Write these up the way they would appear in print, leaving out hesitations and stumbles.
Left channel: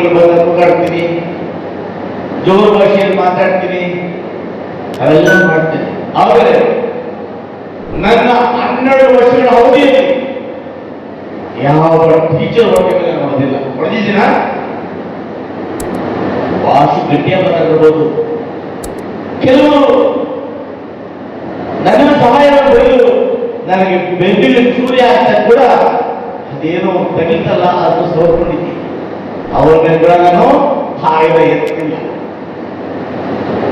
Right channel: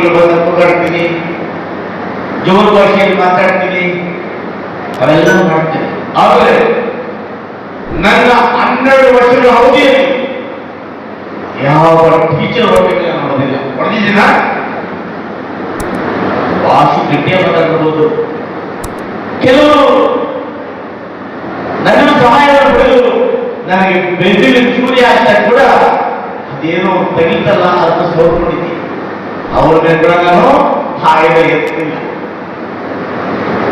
ಊರಿಗೆ ಬಂದ ಕೂಗಾಡ್ತೀನಿ, ಜೋರು ಭಾಷೆಯಲ್ಲಿ ಮಾತಾಡ್ತೀನಿ, ಅವೆಲ್ಲ ಮಾಡ್ತೀನಿ. ಆದರೆ ನನ್ನ 12 ವರ್ಷಗಳ ಅವಧಿಯಲ್ಲಿ ಯಾವ ಟೀಚರ್ ಹೊರಬೇಕು ನಾನು ಹೊಡೆದಿಲ್ಲ. ಹೊಡೆದಿದ್ದೀನ ಭಾಷೆ ಗಟ್ಟಿಯ ಮಾತಾಡ್ಬೋದು. ಕೆಲವರು ನನ್ನ ಸಹಾಯವನ್ನು ಪಡೆದು ನನಗೆ ಬೆಂದಿನ ಚೂರಿ ಅಂತ ಕೂಡ ಅದೇನೋ ತೆಗಿತಲ್ಲ ಅಂತ ಸೋರ್ಕೊಂಡಿದ್ದೀನಿ. ಅವ್ರನ್ನೆಲ್ಲ ನಾನು ಹಾಯ್ದ ಎತ್ತಿಲ್ಲ.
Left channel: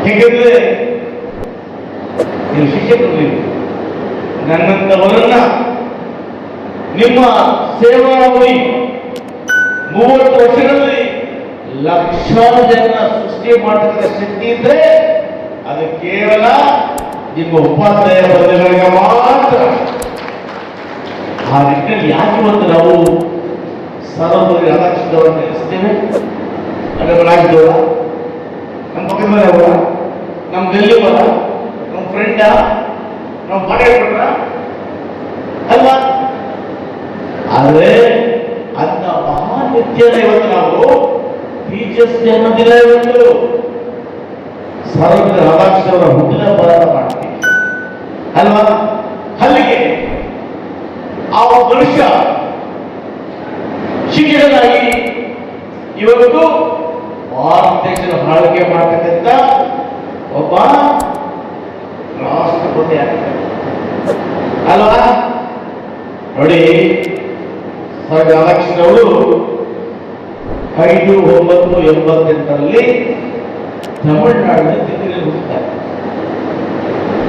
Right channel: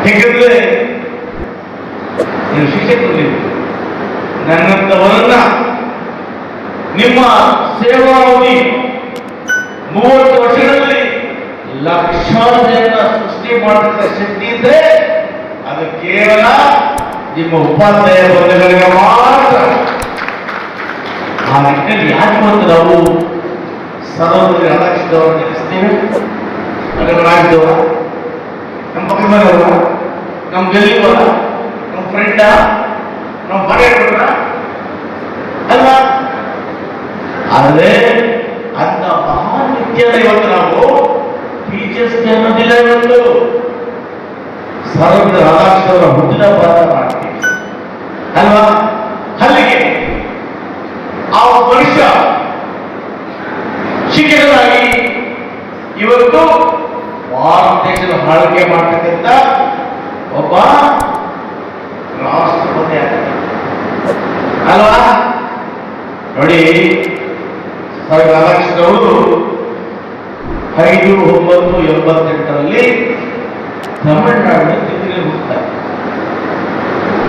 ಹೇಗೆಂದ್ರೆ ನೀವು ಶಿಕ್ಷಕರು ನನ್ನಂತವರನ್ನ ನಿಮ್ಮ ಸೇವಾವಧಿ 30 ವರ್ಷಗಳಲ್ಲಿ ಲಕ್ಷಾರು ಜನ ಸೃಷ್ಟಿ ಮಾಡತಕ್ಕ ಶಕ್ತಿ ಇದ್ರೆ ಅದು ಕೇವಲ ನಿಮ್ಮ ಉಪಾಧ್ಯಾಯ ವರ್ಗಗಳಿಗೆ ಮಾತ್ರ. ಆ ನಿಟ್ಟಿನಲ್ಲಿ ಯಾಕೆ ಒಂದು ನಾವು ಸರ್ವಪಲ್ಲಿ ರಾಧಾಕೃಷ್ಣದವರು ನೆನೆಸ್ತೇವೆ. ನಮ್ಮ ರಾಜ್ಯದವರ, ನಮ್ಮ ಮಗನವರ, ನಮ್ಮ ಗೆಲ್ಲುವರ, ನಮ್ಮ ಫ್ರೆಂಡ, ನಮ್ಮ ಮನೆಯವರ ಅಲ್ವಾ? ಆದರೆ ಅಂತ ಮಹಾನ್ ವ್ಯಕ್ತಿಯನ್ನ ಇವತ್ತು ನಾವು ಟೀಚರ್ಸ್ ಡೇ ಅನ್ನೋದಿಲ್ಲ. ಇವತ್ತು ಸರ್ವಪಲ್ಲಿ ರಾಧಾಕೃಷ್ಣವರ ಹುಟ್ಟಿದ ಭಾರತ ಮಾಡ್ತೀವಿ ಅಲ್ವಾ? ಅಲ್ಲಿಗೆ ಆ ಮನುಷ್ಯ ಶಿಕ್ಷಕರಾಗಿ ಇವತ್ತು ಭಾರತ ದೇಶದ ಆಳ್ವಿಕೆ ಮಾಡತಕ್ಕಂಥ ಒಬ್ಬ ರಾಷ್ಟ್ರಪತಿ ಆಗ್ತಾರೆ ಅಲ್ವಾ? ನೋಡಿ, ರಾಧಾಕೃಷ್ಣವರು 5/9/88ರಲ್ಲಿ ತಮಿಳುನಾಡಿನ ತಿರುಗಿ ಹುಟ್ಟುತ್ತಾರೆ.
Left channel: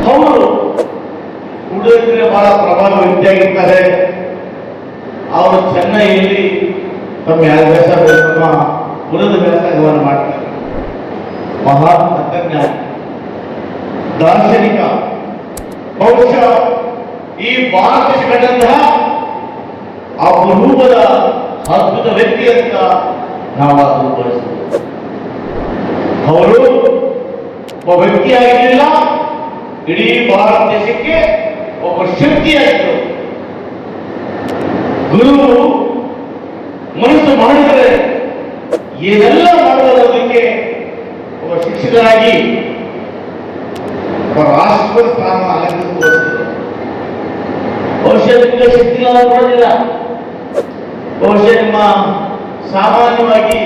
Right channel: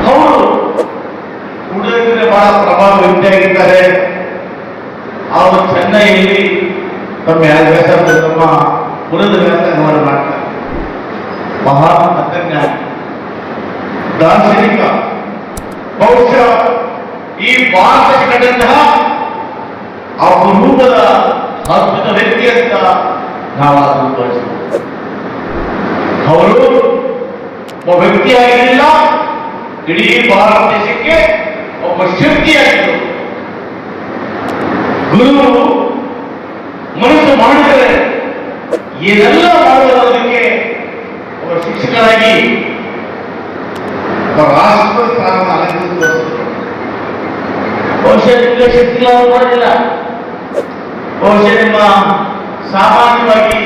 ಅವರು ಹುಡುಗರಿಗೆ ಬಹಳ ಪ್ರಭಾವ ವ್ಯಕ್ತಿಯಾಗಿದ್ದಾರೆ. ಅವರು ಚೆನ್ನೈಯಲ್ಲಿ ತಮ್ಮ ವ್ಯಾಸ ತಮ್ಮ ಉಳಿದ ವ್ಯಾಸಂಗವನ್ನು ಮಾಡ್ತಾರೆ. ಮಹಾನ್ ತತ್ವಜ್ಞಾನಿ, ದಾರ್ಶನಿಕ. ಬಹುಶಃ ಈ ಭಾರತಕ್ಕೆ ಕಂಡಂತಹ ಅಪರೂಪದ ಅದ್ಭುತ ವ್ಯಕ್ತಿ ಅಂತ ನಾವಾದರೂ ತೋರಿಸಬಹುದು. ಅವರು ಒಬ್ಬ ವ್ಯಕ್ತಿಯಾಗಿರಲಿಲ್ಲ, ಇಡೀ ಭಾರತ ದೇಶಕ್ಕೆ ಒಬ್ಬ ಶಕ್ತಿಯಾಗಿದ್ದರು. ಗುರು ಮನಸ್ಸು ಮಾಡಿದರೆ ಏನೆಲ್ಲ ಮಾಡುವುದಕ್ಕೆ ಒಬ್ಬ ಶಿಕ್ಷಕರಾಗಿ ಒಬ್ಬ ರಾಷ್ಟ್ರ ಸ್ಥಾನವನ್ನು ಅಲಂಕರಿಸಿದರು. ಬಹುಶಃ ನಿಮಗೆ ಶಕ್ತಿ ಮಾಡಲಿಲ್ಲ. ಬಹುಶಃ ನಿಮ್ಮ ಸಾಮಾನ್ಯವಾಗಿ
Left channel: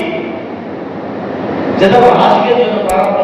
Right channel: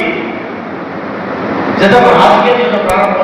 ಜನರ ರಾಜಕೀಯದಿಂದ ಪ್ರಾರಂಭ